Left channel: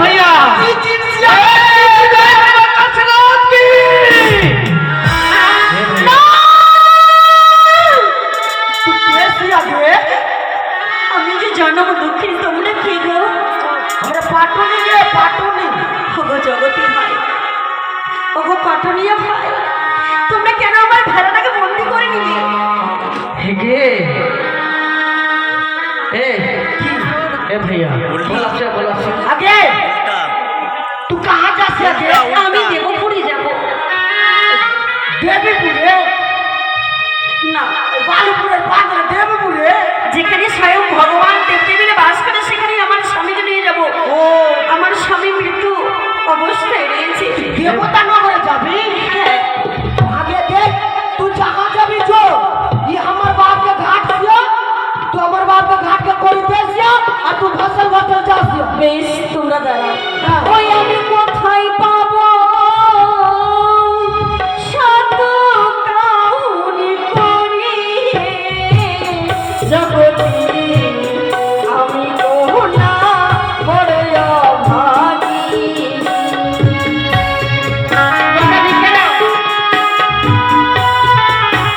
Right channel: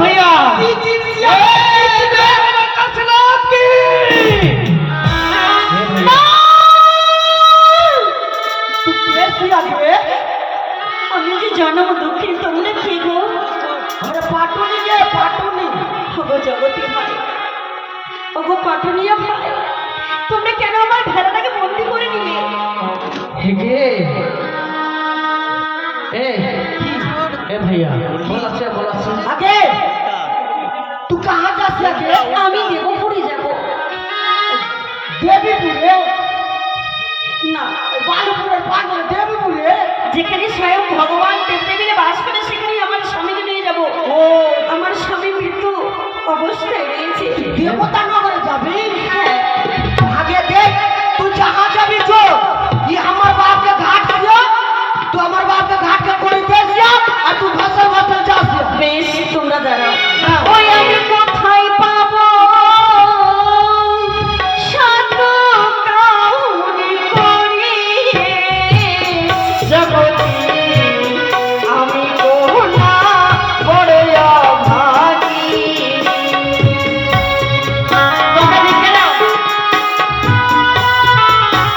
भैया जन्म दुखी तुमने की गो हमरा पाटुनी गे पाटुनी ओगो जगती भाई ओगो पाटुनिया भाई तुमने केन আমার ভেড়াটাকে বন্দি করে নিলে हेगे ए भैया बोला आगे तू कहाँ जासे आगे আমি দেবপুরি যাব देवीपुरे না बालूपुरे पागल देवीपुरे যেখানে স্বয়ং ভগবান দেবদেবীর বাস করে সেখানে আমার স্বামীকে নিয়ে যাব ओ আমার স্বামী মৃত্যু অবস্থায় রয়েছে देवता नगर जाबी आगे देख तू जहाँ जाबी जो ये हमार बाप के घाट दियो तू हमार बाप के घाट के कोई दे दियो और तू फसल फसल जा दियो বেশ তোমরা দাঁড়াও